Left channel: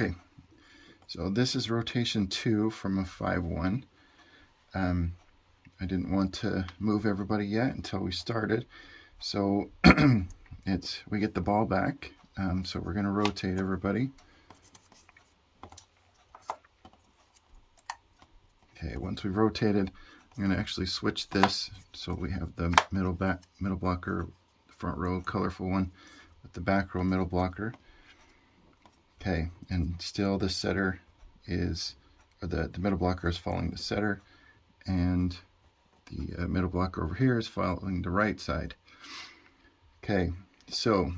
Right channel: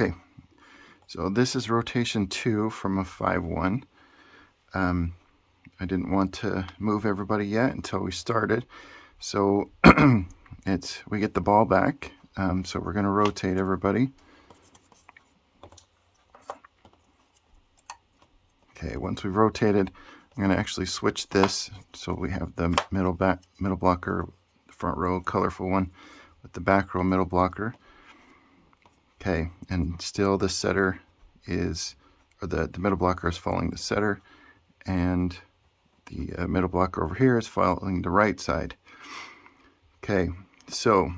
Okay, so this is rotation 2 from a 5-1. I didn't want to move everybody yet until we started. So we get the ball back. So we're going to rotate everybody. Okay, once we've rotated, I'm going to actually switch this so we have the middle blocker, front row colorful one with the back row middle blocker. Okay, and still the setter is, or the middle blocker is following the setter, and the middle blocker over here is following the right side. Okay, so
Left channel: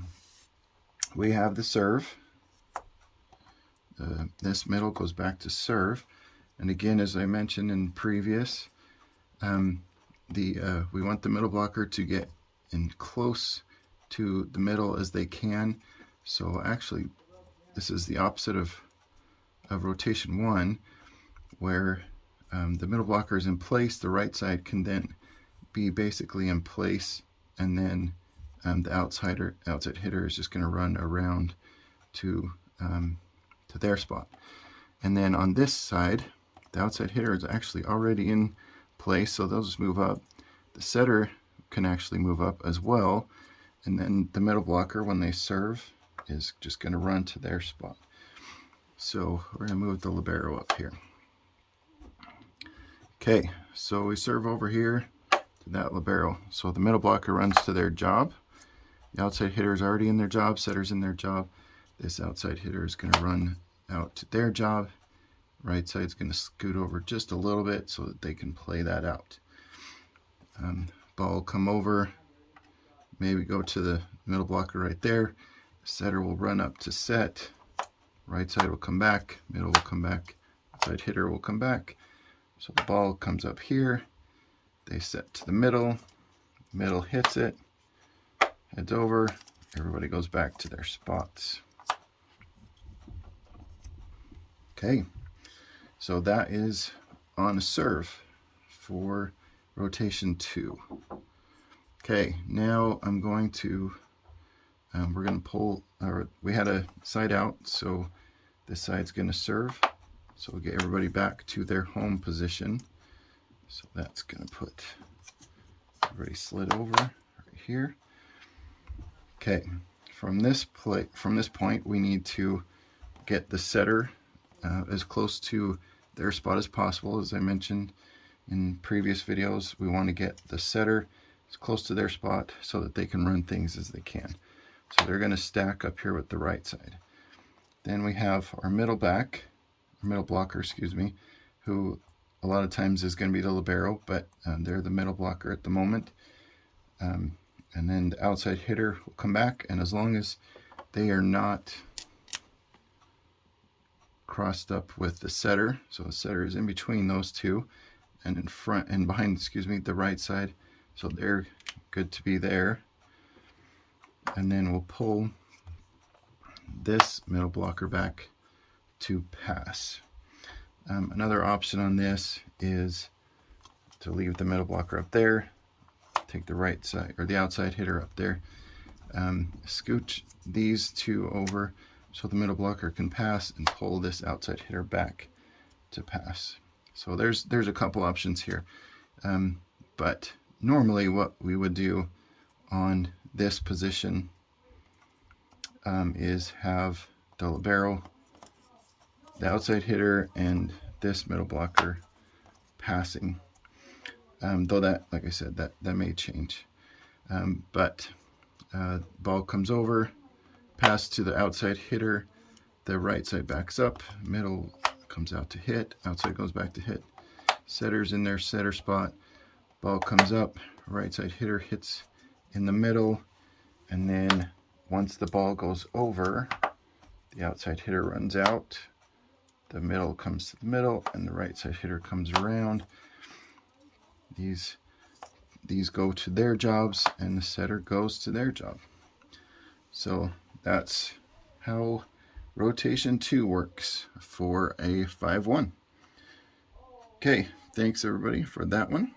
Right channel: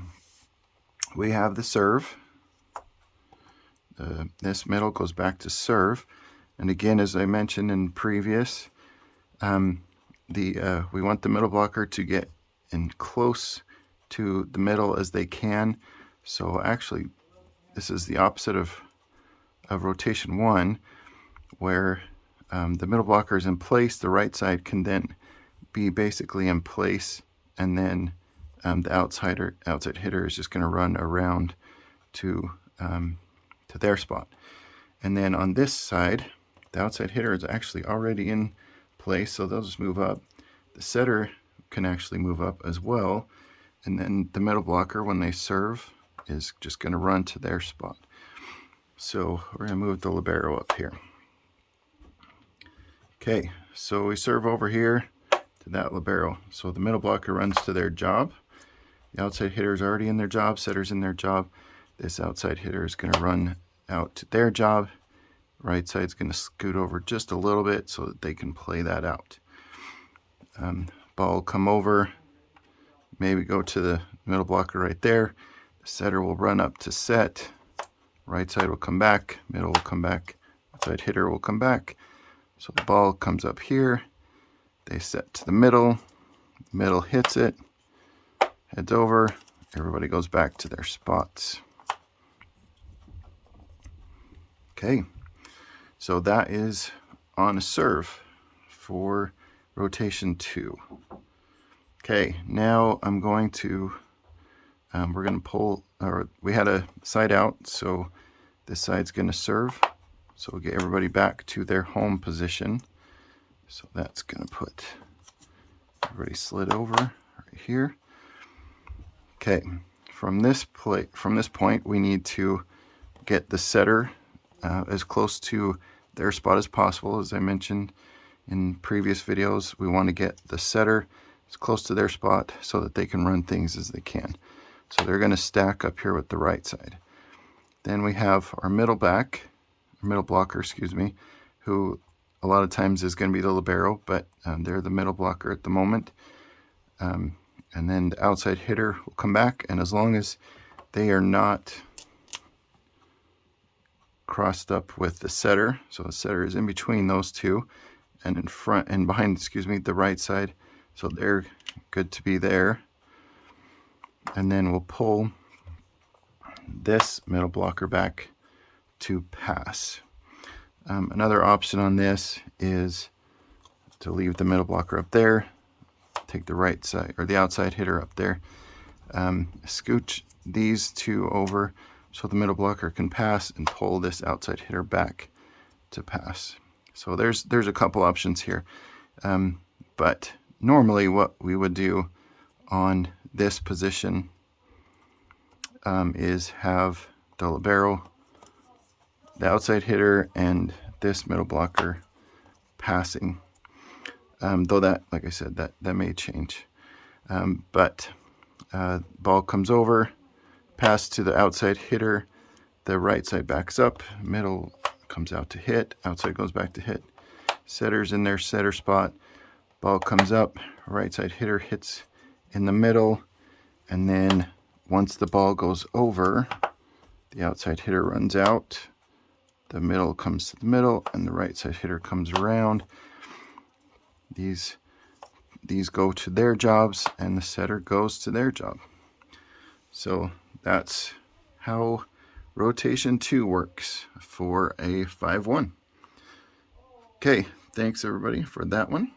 we have the serve. This middle goes back to serve, and again, as I mentioned in previous, we want the middle blocker to get in close to the middle as they can. So actually, this is the opposite of rotation 1, where the middle blocker is in place. The right side can then be basically in place, and then the outside hitter is just going to run around to their spot. And then on this side, the outside hitter is actually already in place, so they'll just move up. The setter can actually move up as well, and then the middle blocker, when they serve, is just going to run to their spot. So we're going to move the libero up here. Okay, so we serve over here to that libero. So the middle blocker runs to their job. The outside hitter is already in their job, setter's in their job. This outside hitter is going to run out to their job. Right side's going to scoot over just a little bit so that they can play that out. Ball will come over, maybe go to the middle blocker right there. The setter will run up to set. Right side will come back, middle will come back, outside hitter will come back. So the ball comes up here. They set to the middle hits it, heads over, everybody goes back to their spots. Okay, so that is on a serve for rotation 2. Okay, now I'm going to, we're going to pull, or we had a side out, so this side's going to serve. So we'll get everybody back to their home position. So that's going to put everybody slid over right here. Okay, from this point, we need to get the setter as close to their spot as possible. As I mentioned in previous videos, we want to get the setter as close to their spot so that they can run things as they can. So they're going to stack up here with the right side. Then we have our middle blocker, excuse me, who a lot of times is going to be the libero, but they're the middle blocker at the moment. And then the outside hitter will come back, and as long as they are not crossed up with the setter, so the setter is in between those two, and in front and behind, excuse me, the right side, so they're good to be there. And then we'll pull this middle blocker back to pass. Another option on this is to leave the middle blocker up there, take the right side or the outside hitter up there, scoot these two over so the middle blocker can pass, and pull this outside hitter back to pass. So there's a couple options here, but normally what we would do on this position is have the libero, the outside hitter, and this middle blocker passing. Though that, like I said, that may change. But ball comes over, pass to the outside hitter, the right side backs up, middle comes out to hit, outside goes back to hit. Setter's in their setter spot, ball comes up, right side hitter hits in the middle, and then once the ball goes over, the outside hitter runs out, the middle comes to the middle, and the right side hitter comes around. These go to their jobs, and the setter goes to their job. So that's how rotation 2 works for a 5-1. Okay, thanks everybody for that one.